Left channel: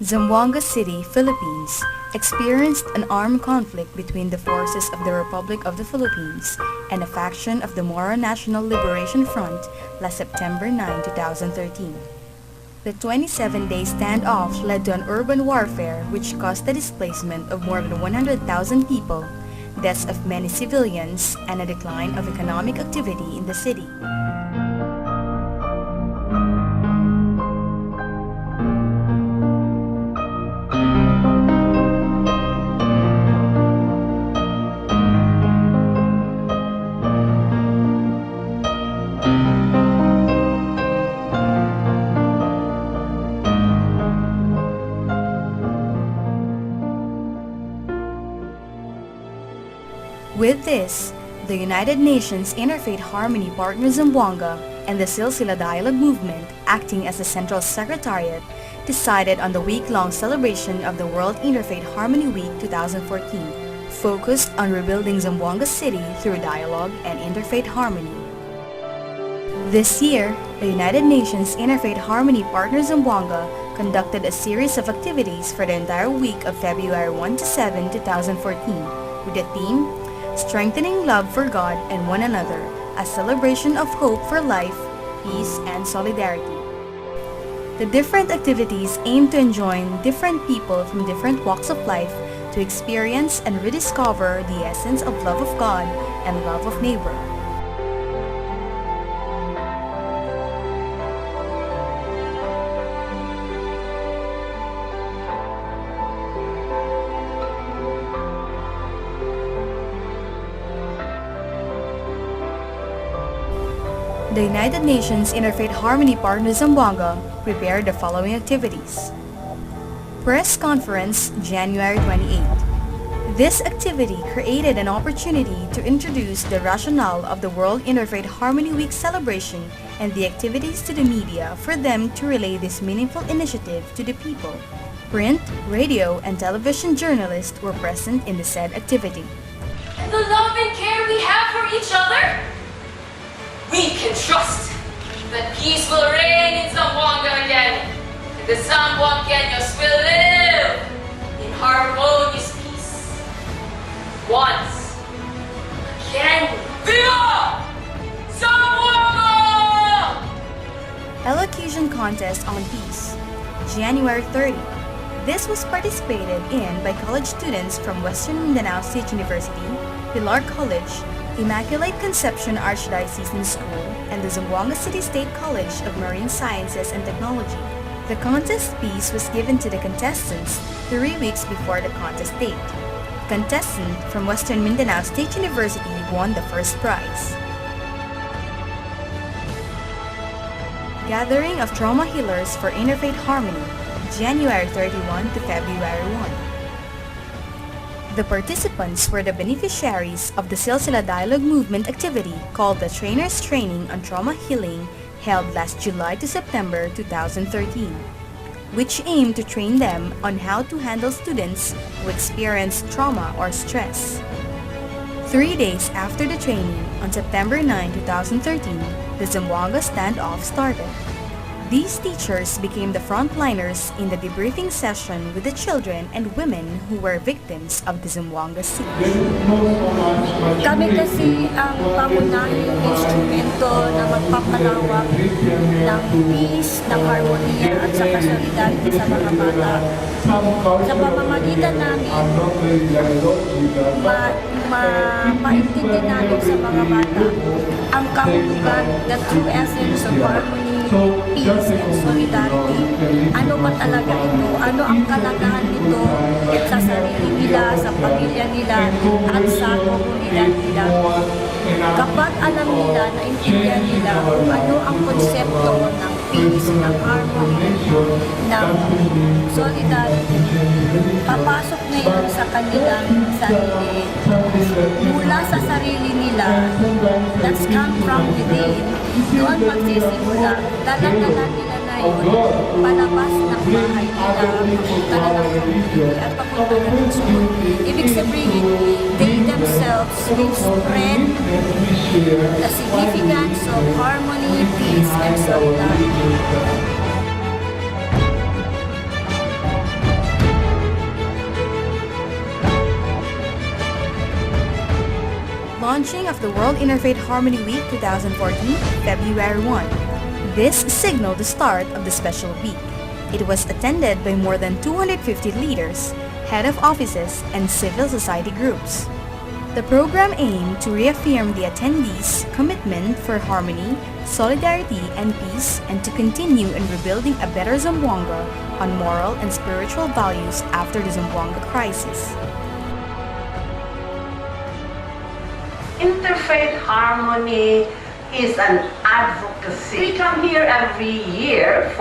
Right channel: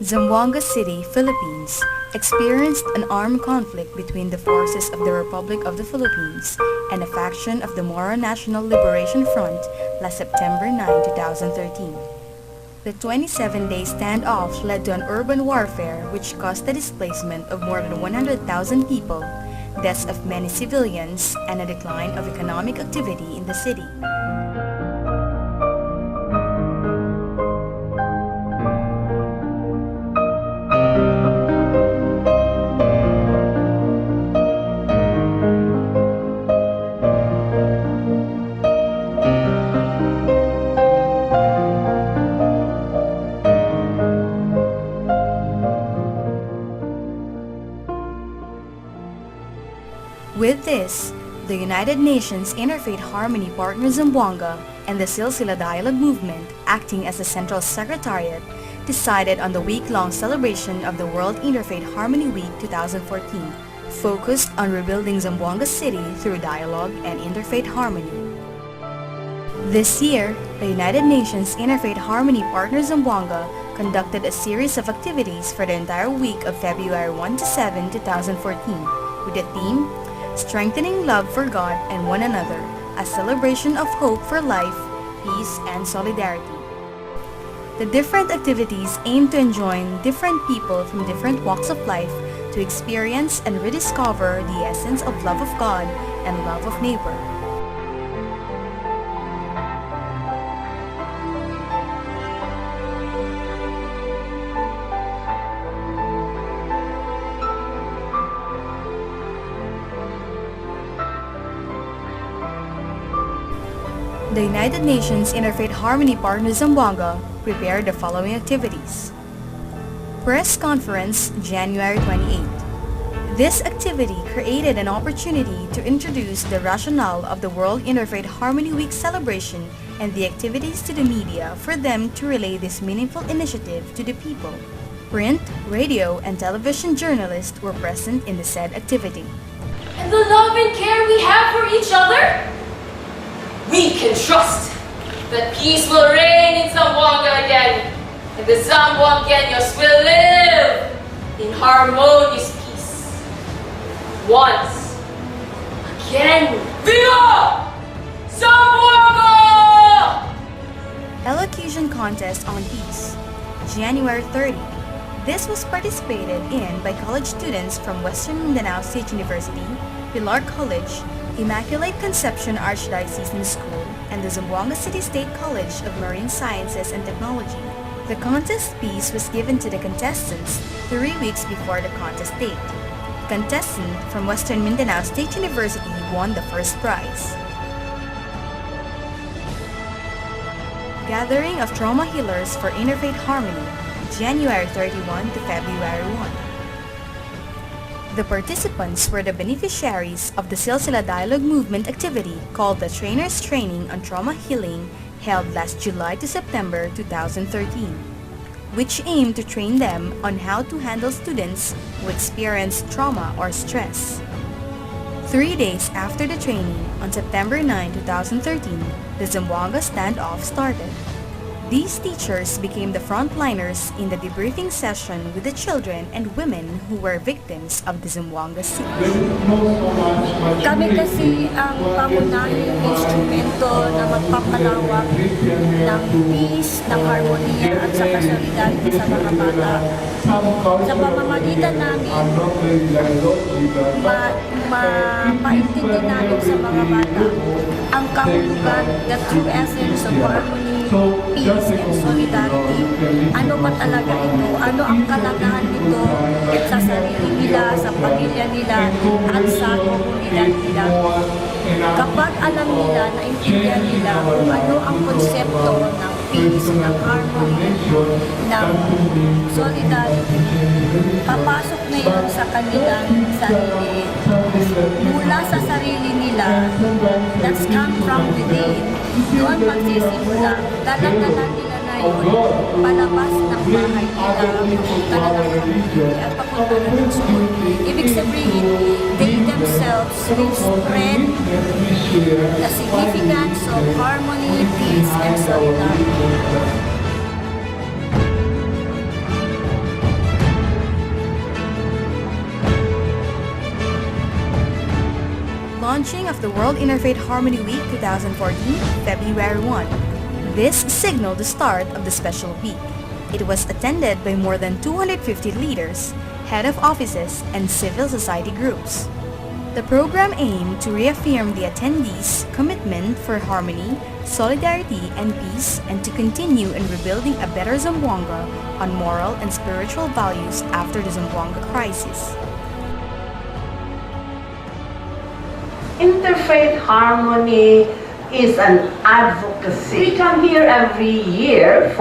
Zamboanga City, Philippines, experienced an armed conflict between the forces of the Republic of the Philippines and a faction of the Moro National Liberation Front last September 9, 2013. The 27-day standoff led to an urban warfare which caused the displacement of more than 100,000 people, deaths of many civilians, and a decline of economic activity in the city. With this, the United Nations Interfaith Harmony Partners-Zamboanga and the Silsilah Dialogue Movement, acting as the Central Secretariat, decided on the week-long celebration of the World Interfaith Harmony Week 2014, focused on rebuilding Zamboanga City through dialogue and interfaith harmony. This year, the United Nations Interfaith Harmony Partners-Zamboanga conducted a series of activities for the entire week of February 1 to 7, 2014, with the theme, Strengthening Love for God and One Another, a celebration of hope for life, peace, and solidarity. The different activities aim to enjoin different people from different walks of life to experience and rediscover the essence of love of God and love of neighbor. The United Nations Interfaith Harmony Partners-Zamboanga prepared the following activities. Press Conference, January 28. This activity created an opportunity to introduce the rationale of the World Interfaith Harmony Week celebration and the activities to the media for them to relay this meaningful initiative to the people. Print, radio, and television journalists were present in the said activity. And the love and care we have for each other? We can trust that peace will reign in Zamboanga again, and the Zamboangueños will live in harmonious peace. Once again, Viva Zamboanga! Elocution Contest on Peace, January 30. This was participated in by college students from Western Mindanao State University, Pilar College, Immaculate Conception Archdiocesan School, and the Zamboanga City State College of Marine Sciences and Technology. The contest piece was given to the contestants 3 weeks before the contest date. The contestant from Western Mindanao State University won the first prize. Gathering of Trauma Healers for Interfaith Harmony, January 31 to February 1. The participants were the beneficiaries of the Silsilah Dialogue Movement activity called the Trainers Training on Trauma Healing held last July to September 2013, which aimed to train them on how to handle students who experience trauma or stress. 3 days after the training, on September 9, 2013, the Zamboanga standoff started. These teachers became the frontliners in the debriefing session with the children and women who were victims of the Zamboanga City. Kami kasi ang pangunahing instrumento na magpapalawak ng peace, ng harmonia at sa solidarity sa mga bata. Sa pamamagitan namin, maintindi namin sa mga bata ang kahulugan, the true essence of harmony, peace, and solidarity. Ano ba talaga ito? Ano ang kalagahan nito sa sarili nila, sa pamilya nila, at sa komunidad nila? Kapag alam nila, naintindihan nila kung ano ang konsepto ng peace, ng harmony, ng solidarity, papasok na yun sa kanilang sarili. Mula sa sarili nila, that's come from within. Doon magsisimula. Dala-dala nila na yun, palabas ng bahay nila, papunta na ng community, at papunta na ng school. Ibig sabihin, they themselves will spread the significance of harmony, peace, and solidarity. Launching of the World Interfaith Harmony Week 2014, February 1. This signaled the start of the special week. It was attended by more than 250 leaders, head of offices, and civil society groups. The program aimed to reaffirm the attendees' commitment for harmony, solidarity, and peace, and to continue in rebuilding a better Zamboanga on moral and spiritual values after the Zamboanga crisis. Interfaith Harmony is an advocacy. We come here every year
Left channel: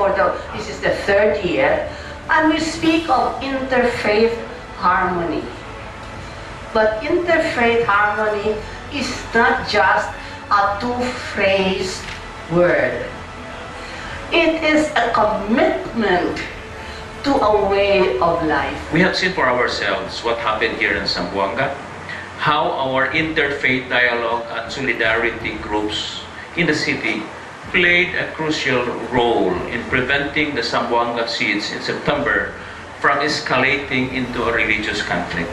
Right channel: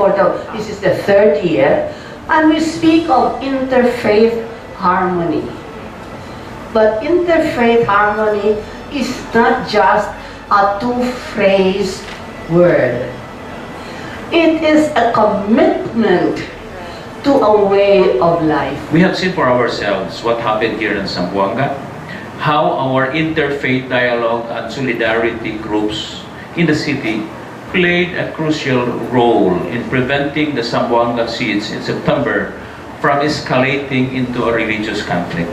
this is the third year, and we speak of interfaith harmony. But interfaith harmony is not just a two-phrase word. It is a commitment to a way of life. We have seen for ourselves what happened here in Zamboanga, how our interfaith dialogue and solidarity groups in the city played a crucial role in preventing the Zamboanga siege in September from escalating into a religious conflict.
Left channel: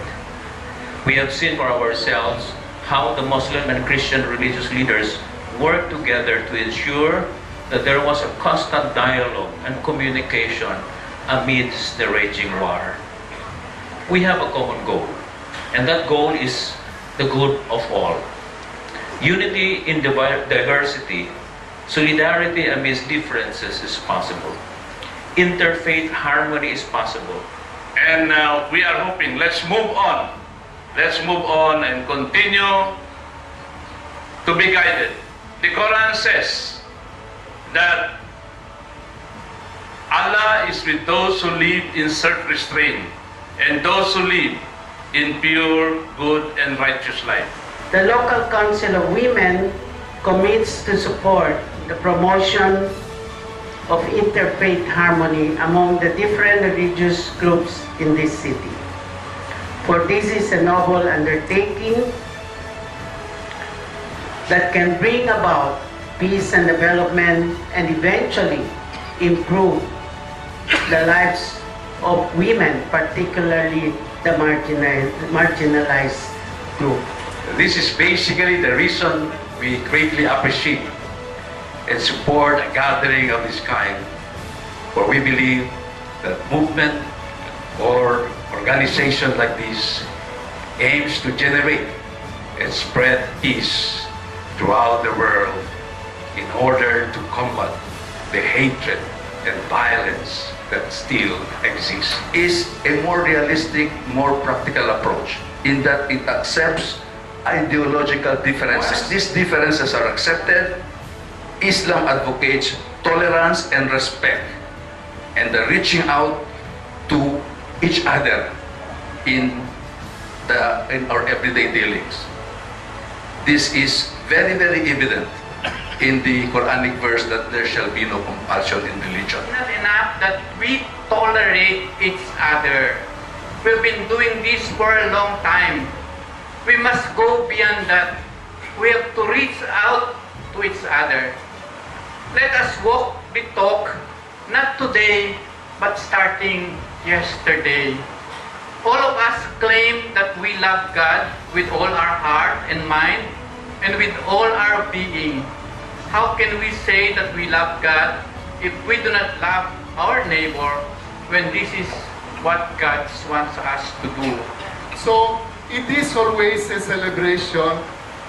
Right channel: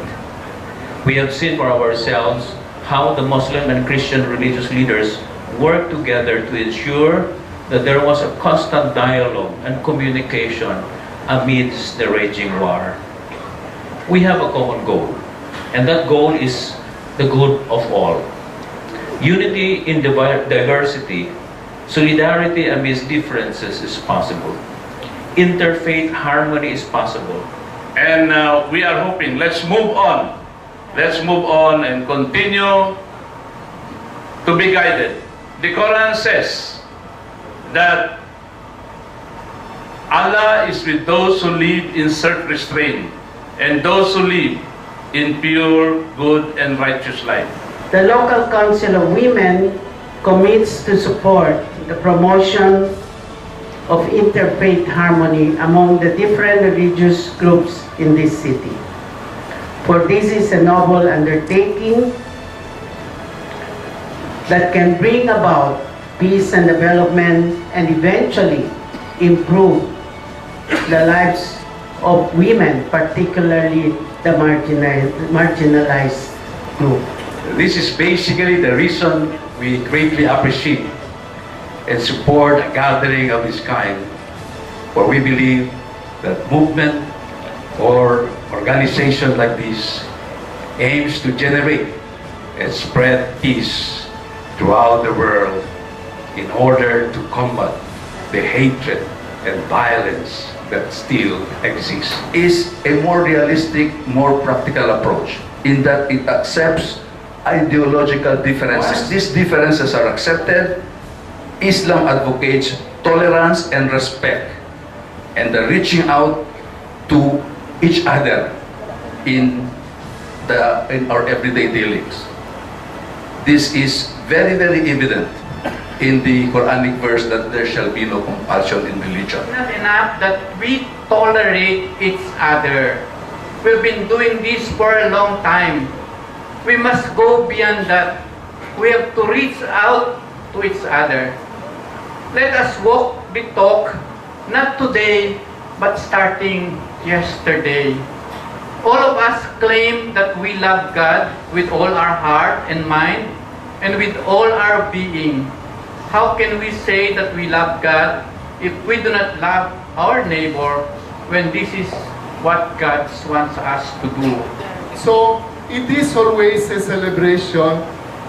We have seen for ourselves how the Muslim and Christian religious leaders worked together to ensure that there was a constant dialogue and communication amidst the raging war. We have a common goal, and that goal is the good of all. Unity in diversity, solidarity amidst differences is possible. Interfaith harmony is possible. And we are hoping, let's move on. Let's move on and continue to be guided. The Quran says that Allah is with those who live in self-restraint and those who live in pure, good, and righteous life. The local council of women commits to support the promotion of interfaith harmony among the different religious groups in this city. For this is a noble undertaking that can bring about peace and development and eventually improve the lives of women, particularly the marginalized group. This is basically the reason we greatly appreciate and support a gathering of this kind, for we believe that movement or organization like this aims to generate and spread peace throughout the world in order to combat the hatred and violence that still exists. Is a more realistic, more practical approach in that it accepts ideological differences. These differences are accepted. Islam advocates tolerance and respect and the reaching out to each other in our everyday dealings. This is very, very evident in the Quranic verse that there shall be no compulsion in religion. Not enough that we tolerate each other. We've been doing this for a long time. We must go beyond that. We have to reach out to each other. Let us walk the talk, not today, but starting yesterday. All of us claim that we love God with all our heart and mind and with all our being. How can we say that we love God if we do not love our neighbor when this is what God wants us to do? So it is always a celebration.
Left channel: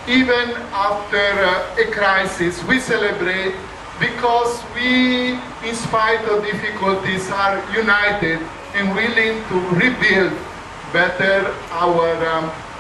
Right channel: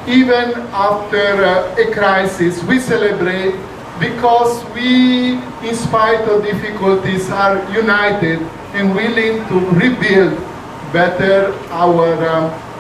Even after a crisis, we celebrate because we, in spite of difficulties, are united and willing to rebuild better our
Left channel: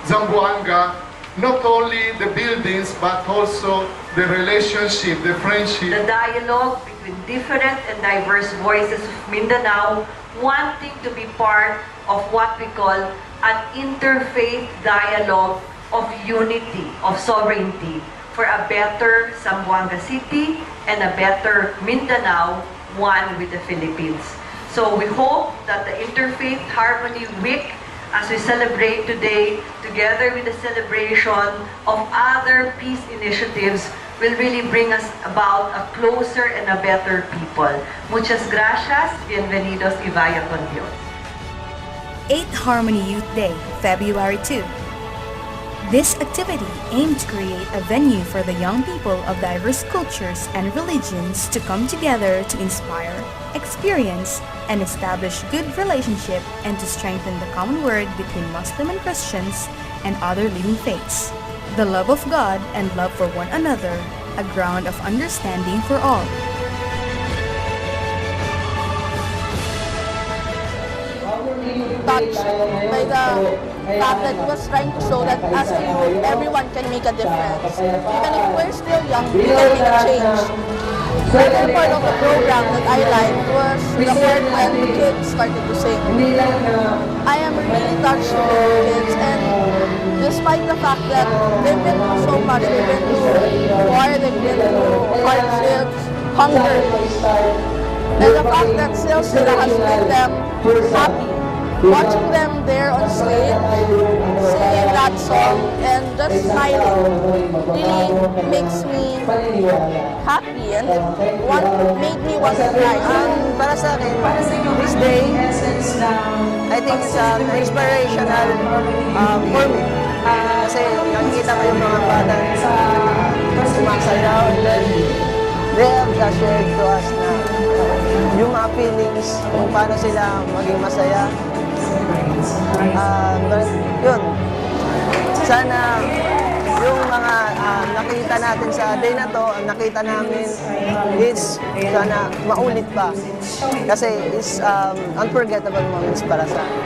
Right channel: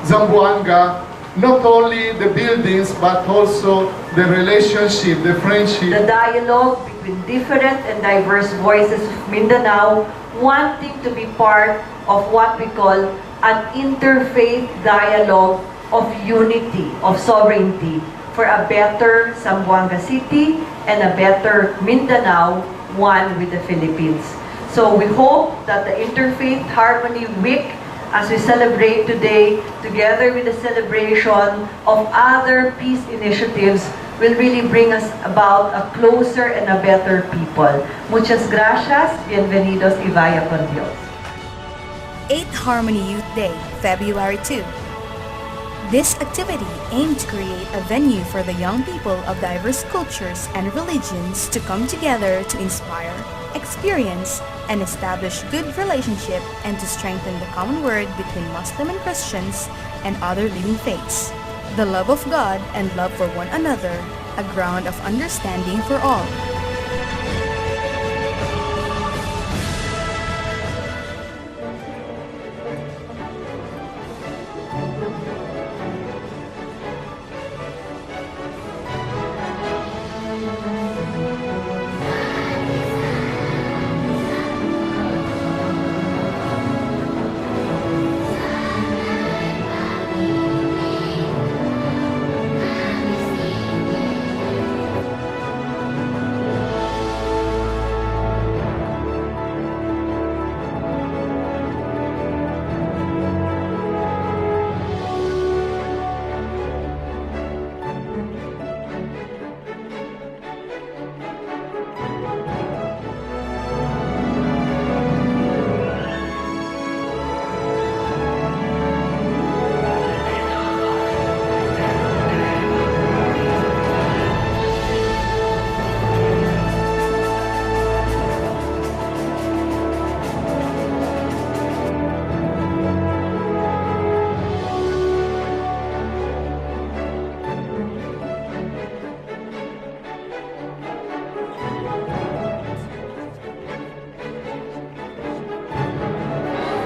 Zamboanga, not only the buildings, but also the relationship, the friendship. The dialogue between different and diverse voices of Mindanao wanting to be part of what we call an interfaith dialogue of unity, of sovereignty, for a better Zamboanga City and a better Mindanao, one with the Philippines. So we hope that the Interfaith Harmony Week, as we celebrate today, together with the celebration of other peace initiatives, will really bring us about a closer and a better people. Muchas gracias. Bienvenidos y vaya con Dios. 8th Harmony Youth Day, February 2. This activity aimed to create a venue for the young people of diverse cultures and religions to come together to inspire, experience, and establish good relationship and to strengthen the common word between Muslim and Christians and other living faiths. The love of God and love for one another, a ground of understanding for all. Touched by the fact that he was trying to show that as a youth, everyone can make a difference. Even if we're still young, we can make a change. Another part of the program that I liked was the part when the kids started to sing. I am really touched with the kids, and despite the fact that they've been through so much, they've been through war, they've been through hardships, hunger, and the fact that Silsilah has made them happy. Watching them there on stage, singing that song, and just smiling really makes me happy and made me want to cry. Para sa akin, this day, I think it's inspirational for me. Kasi nakikita ko yung mga bata na sumasayaw. They have shared to us na yung mga feelings, kung paano sila maging masaya. Yun. Sana yung mga nakita natin sa day na to, ang nakita namin is sana maulit pa. Kasi it's unforgettable moments para sa akin.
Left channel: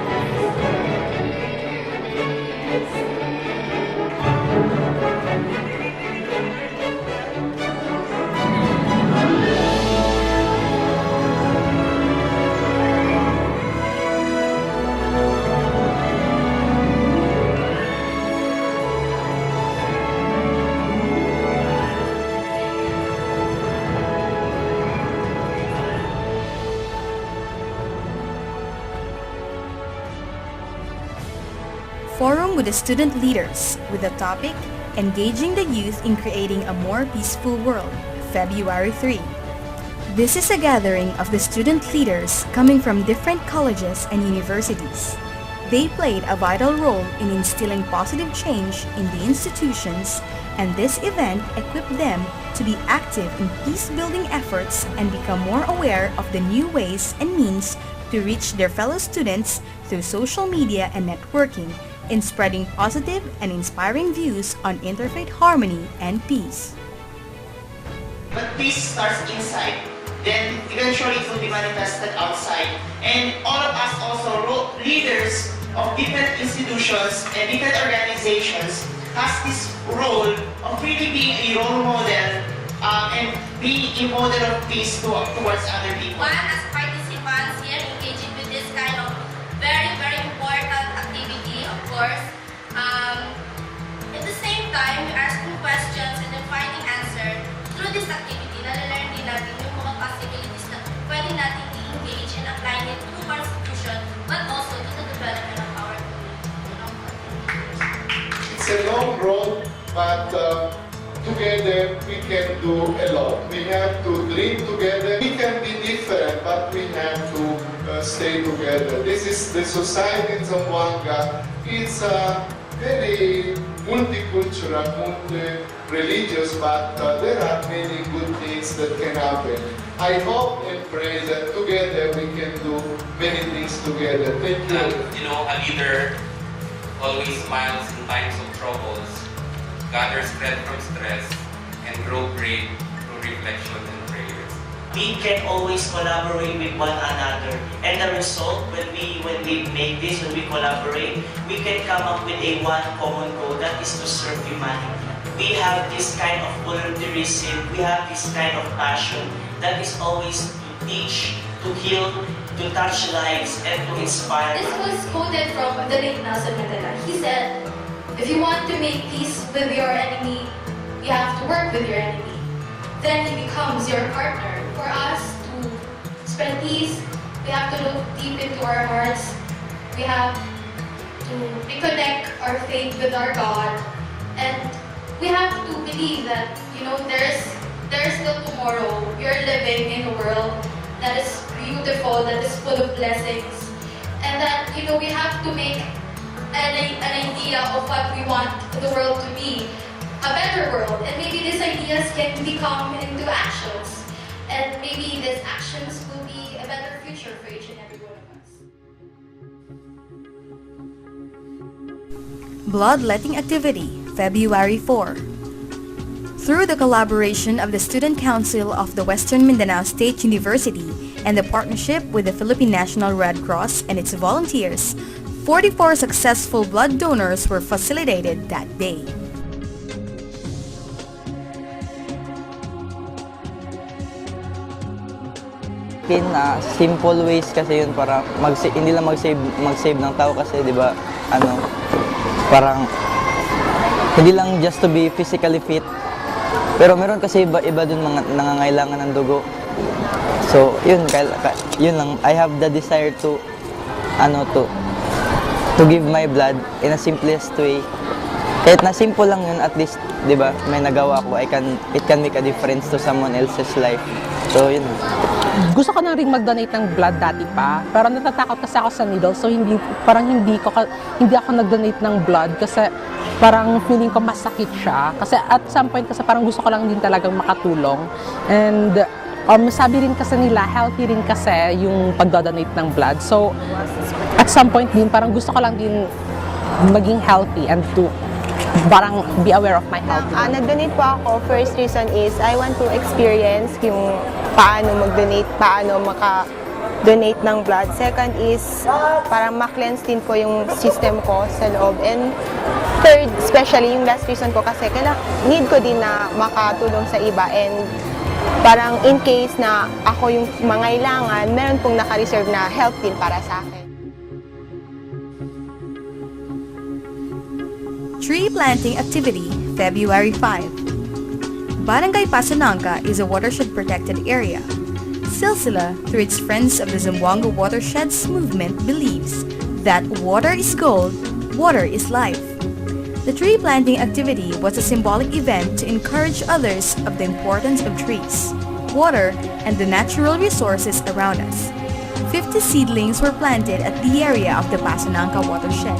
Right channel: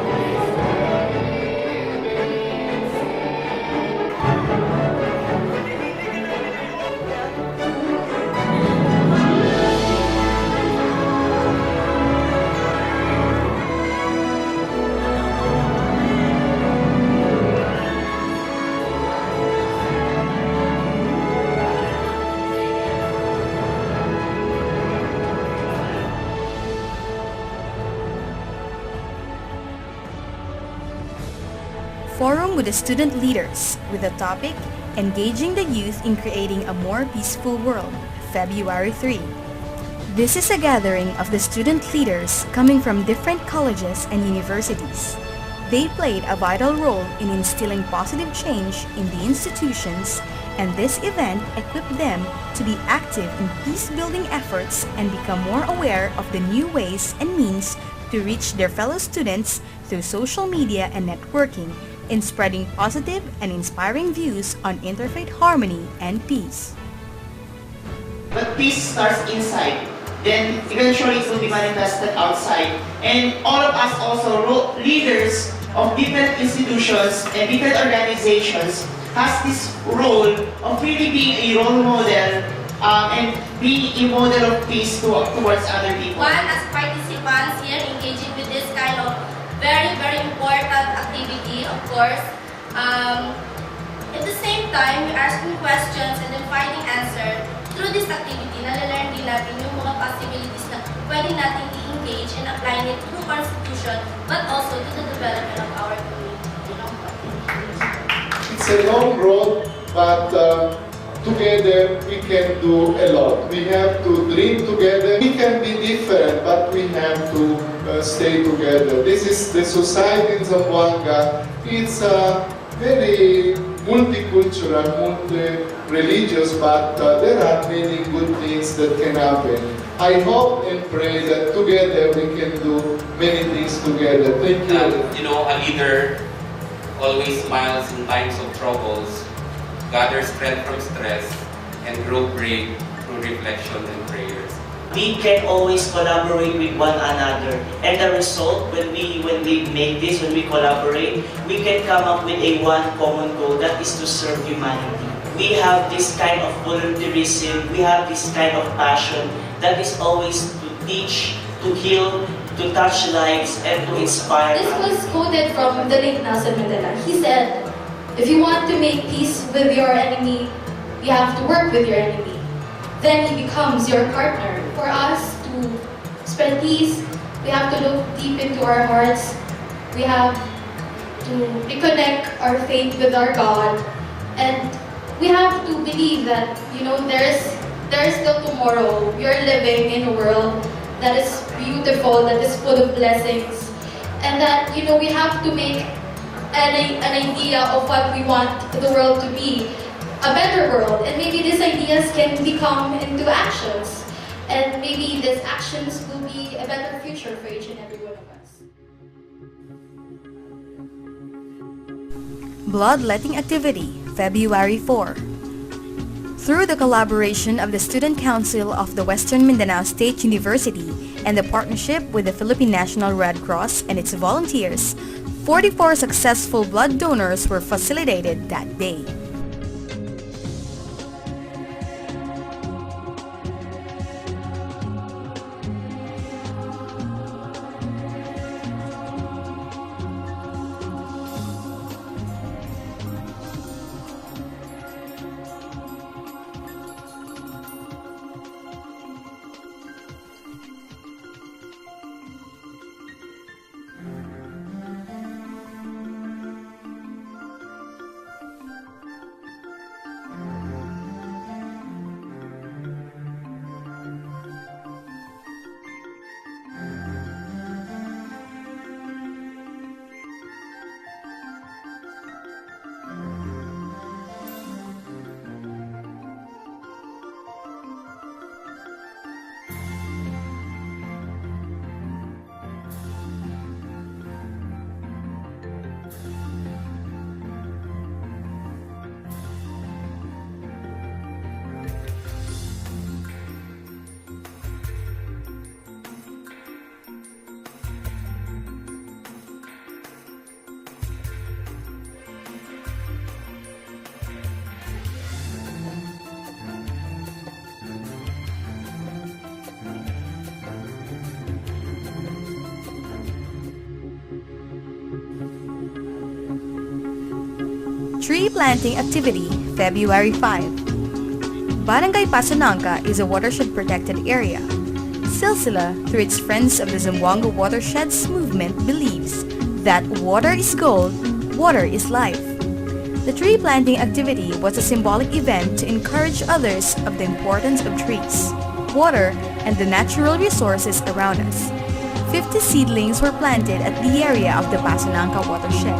Forum with the student leaders with the topic Engaging the Youth in Creating a More Peaceful World, February 3. This is a gathering of the student leaders coming from different colleges and universities. They played a vital role in instilling positive change in the institutions, and this event equipped them to be active in peace-building efforts and become more aware of the new ways and means to reach their fellow students through social media and networking, in spreading positive and inspiring views on interfaith harmony and peace. But peace starts inside, then eventually it will be manifested outside. And all of us also, leaders of different institutions and different organizations, has this role of really being a role model and being a model of peace towards other people. One, as participants here engaging with this kind of very, very important activity, of course. At the same time, we're asking questions and then finding answers. Through this activity, nalalearn din natin yung mga possibilities na pwede natin i-engage and apply it to Constitution, but also to the development of our community. It's a long road, but together we can do a lot. We have to dream together. We can be different, but we have to stay together. This is the society in Zamboanga. It's very multicultural, multi-religious, but there are many good things that can happen. I hope and pray that together we can do many things together. Thank you. A leader always smiles in times of troubles, gathers strength from stress, and grow brave through reflection and prayers. We can always collaborate with one another, and the result, when we make this, when we collaborate, we can come up with a one common goal, that is to serve humanity. We have this kind of volunteerism, we have this kind of passion, that is always to teach, to heal, to touch lives, and to inspire. This was quoted from the late Nelson Mandela. He said, if you want to make peace with your enemy, you have to work with your enemy. Then he becomes your partner. For us to spread peace, we have to look deep into our hearts. We have to reconnect our faith with our God. And we have to believe that, there's still tomorrow. We are living in a world that is beautiful, that is full of blessings. And that, we have to make an idea of what we want the world to be, a better world, and maybe these ideas can become into actions, and maybe these actions will be a better future for each and every one of us. Bloodletting Activity, February 4. Through the collaboration of the Student Council of the Western Mindanao State University and the partnership with the Philippine National Red Cross and its volunteers, 44 successful blood donors were facilitated that day. Simple ways kasi yun para hindi lang mag-save ng tao kasi, di ba, parang hindi lang just to be physically fit, pero meron kasi iba dun mga nangangailangan ng dugo. So yun lang, I have the desire to give my blood in a simplest way. Kahit na simple lang yun, at least, di ba, may nagawa ko, it can make a difference to someone else's life. So yun. Gusto ko na rin mag-donate ng blood dati pa, pero natatakot kasi ako sa needle, so hindi ako nag-donate ng blood kasi parang feeling ko masakit siya. Kasi at some point kasi parang gusto ko lang din talagang makatulong. And sabi rin kasi nila, healthy rin kasi yung pag-donate ng blood. So at some point din, parang gusto ko lang din maging healthy and to parang be aware of my health. Nag-donate po ako. First reason is I want to experience yung paano mag-donate, paano maka-donate ng blood. Second is parang ma-cleanse din po yung system ko sa loob. And third, especially yung last reason ko kasi need ko din na makatulong sa iba. And parang in case na ako yung mangailangan, meron pong naka-reserve na help din para sa akin. Tree Planting Activity, February 5. Barangay Pasanangka is a watershed-protected area. Silsilah, through its Friends of the Zamboanga Watersheds movement, believes that water is gold, water is life. The tree planting activity was a symbolic event to encourage others of the importance of trees, water, and the natural resources around us. 50 seedlings were planted at the area of the Pasanangka watershed.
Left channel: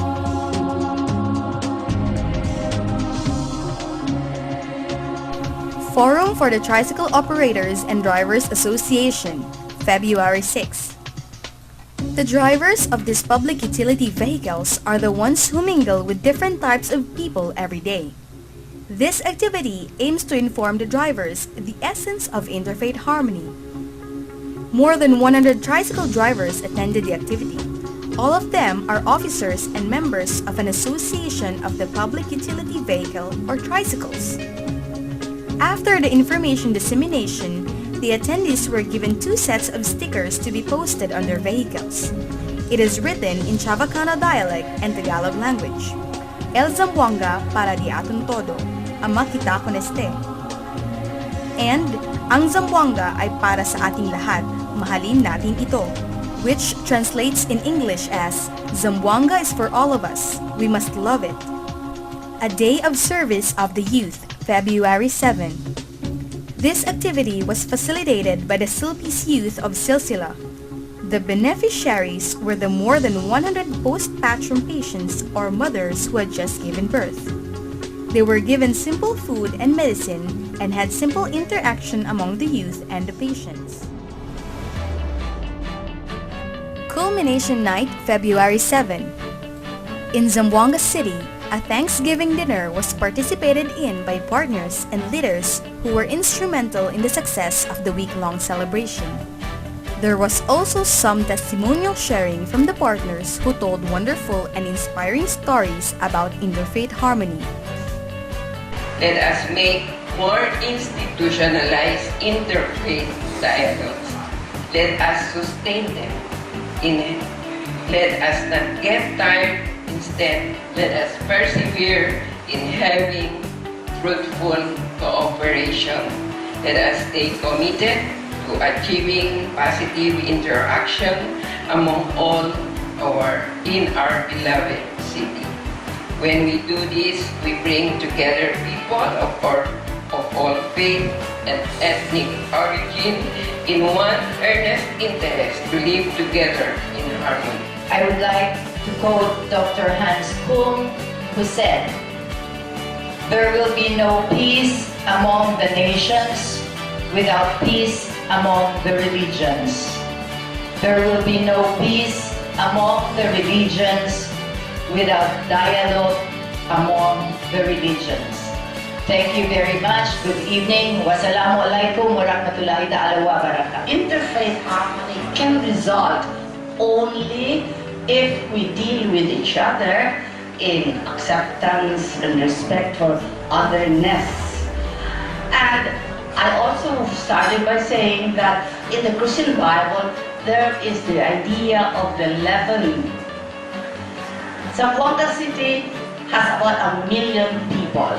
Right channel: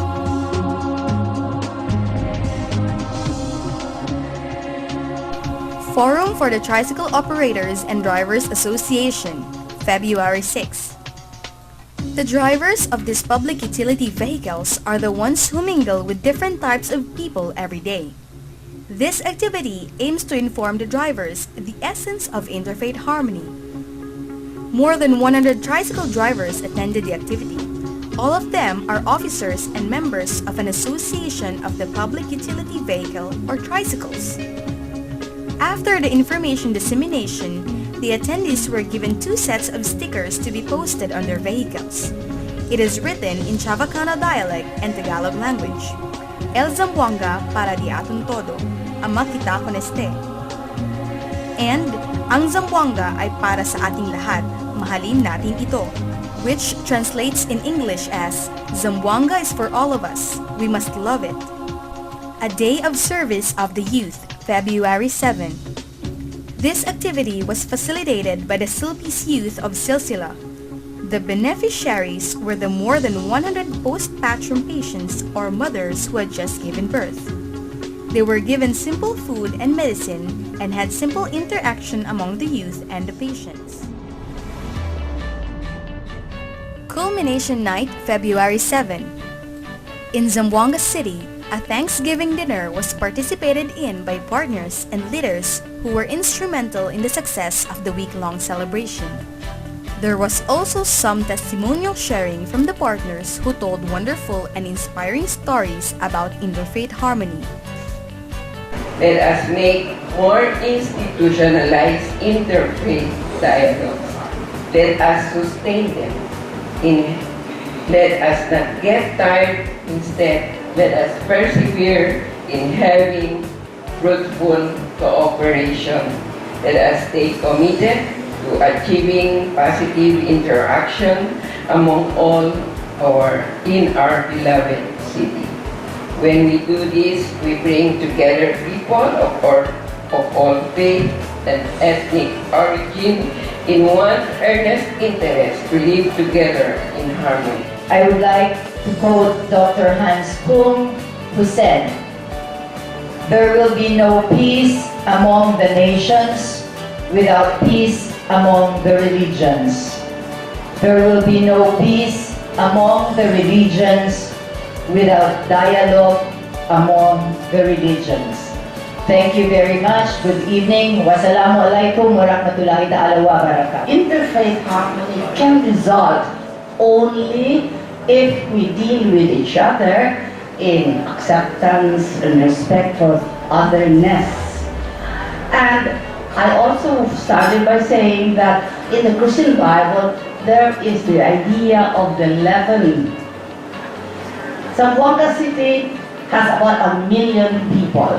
Forum for the Tricycle Operators and Drivers Association, February 6. The drivers of these public utility vehicles are the ones who mingle with different types of people every day. This activity aims to inform the drivers the essence of interfaith harmony. More than 100 tricycle drivers attended the activity. All of them are officers and members of an association of the public utility vehicle or tricycles. After the information dissemination, the attendees were given 2 sets of stickers to be posted on their vehicles. It is written in Chavacano dialect and Tagalog language. El Zamboanga para di aton todo, ama kita con este. And ang Zamboanga ay para sa ating lahat, mahalin natin ito, which translates in English as Zamboanga is for all of us, we must love it. A Day of Service of the Youth, February 7. This activity was facilitated by the Silpi's youth of Silsilah. The beneficiaries were the more than 100 postpartum patients or mothers who had just given birth. They were given simple food and medicine and had simple interaction among the youth and the patients. Culmination Night, February 7. In Zamboanga City, a Thanksgiving dinner was participated in by partners and leaders who were instrumental in the success of the week-long celebration. There was also some testimonial sharing from the partners who told wonderful and inspiring stories about interfaith harmony. Let us make more institutionalized interfaith dialogues. Let us sustain them in it. Let us not get tired. Instead, let us persevere in having fruitful cooperation. Let us stay committed to achieving positive interaction among all in our beloved city. When we do this, we bring together people of all faith and ethnic origin in one earnest interest to live together in harmony. I would like to quote Dr. Hans Kung, who said, "There will be no peace among the nations without peace among the religions. There will be no peace among the religions without dialogue among the religions." Thank you very much. Good evening. Wassalamualaikum warahmatullahi ta'ala wabarakatuh. Interfaith harmony can result only if we deal with each other in acceptance and respect for otherness. And I also started by saying that in the Christian Bible, there is the idea of the leaven. Zamboanga City has about 1 million people.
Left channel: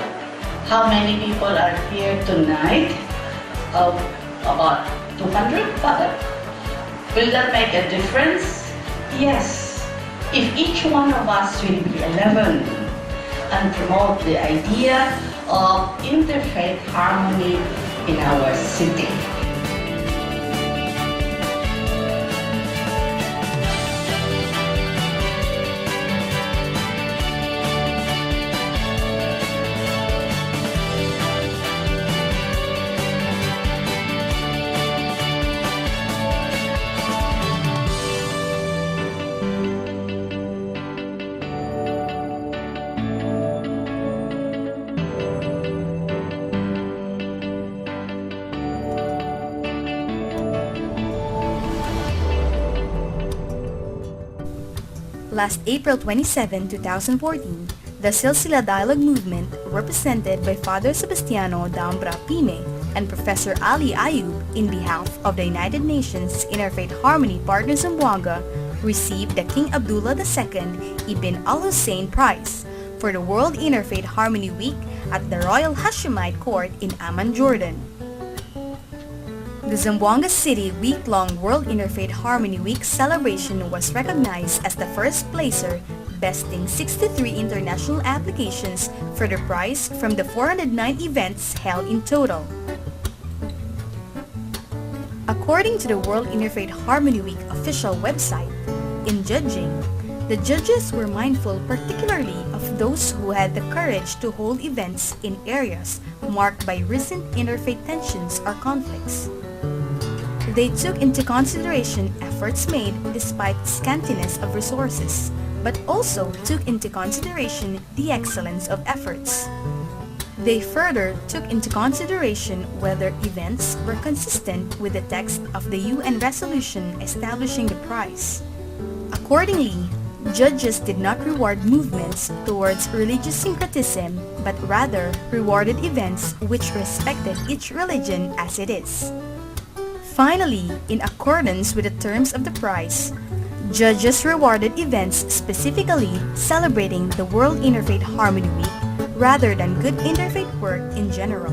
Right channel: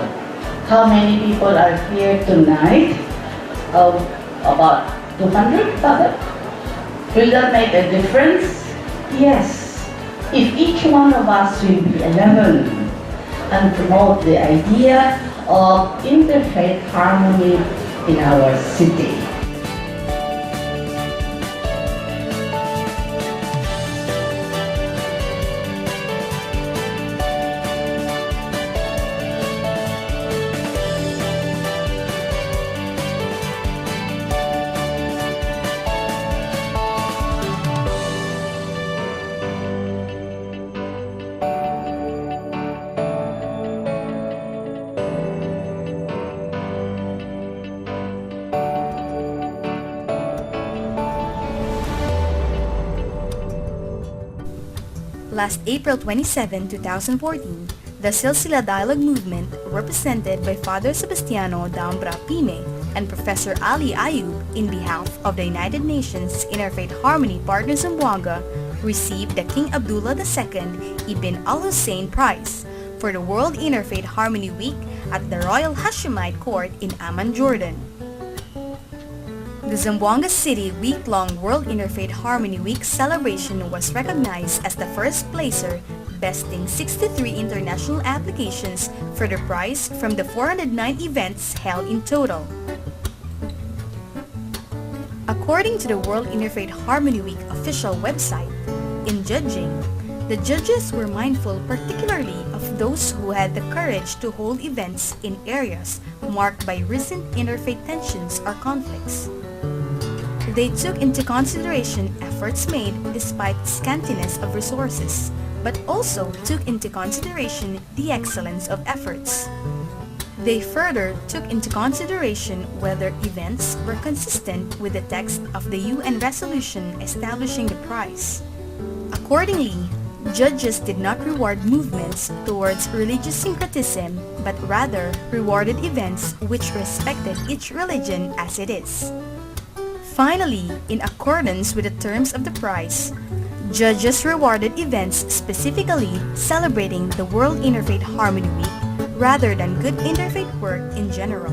How many people are here tonight? About 200, Father? Will that make a difference? Yes. If each one of us will be 11 and promote the idea of interfaith harmony in our city. Last April 27, 2014, the Silsilah Dialogue Movement, represented by Father Sebastiano Dambra Pime and Professor Ali Ayub in behalf of the United Nations Interfaith Harmony Partners-Zamboanga, received the King Abdullah II Ibn Al-Hussein Prize for the World Interfaith Harmony Week at the Royal Hashemite Court in Amman, Jordan. The Zamboanga City week-long World Interfaith Harmony Week celebration was recognized as the first placer, besting 63 international applications for the prize from the 409 events held in total. According to the World Interfaith Harmony Week official website, in judging, the judges were mindful particularly of those who had the courage to hold events in areas marked by recent interfaith tensions or conflicts. They took into consideration efforts made despite scantiness of resources, but also took into consideration the excellence of efforts. They further took into consideration whether events were consistent with the text of the UN resolution establishing the prize. Accordingly, judges did not reward movements towards religious syncretism, but rather rewarded events which respected each religion as it is. Finally, in accordance with the terms of the prize, judges rewarded events specifically celebrating the World Interfaith Harmony Week rather than good interfaith work in general.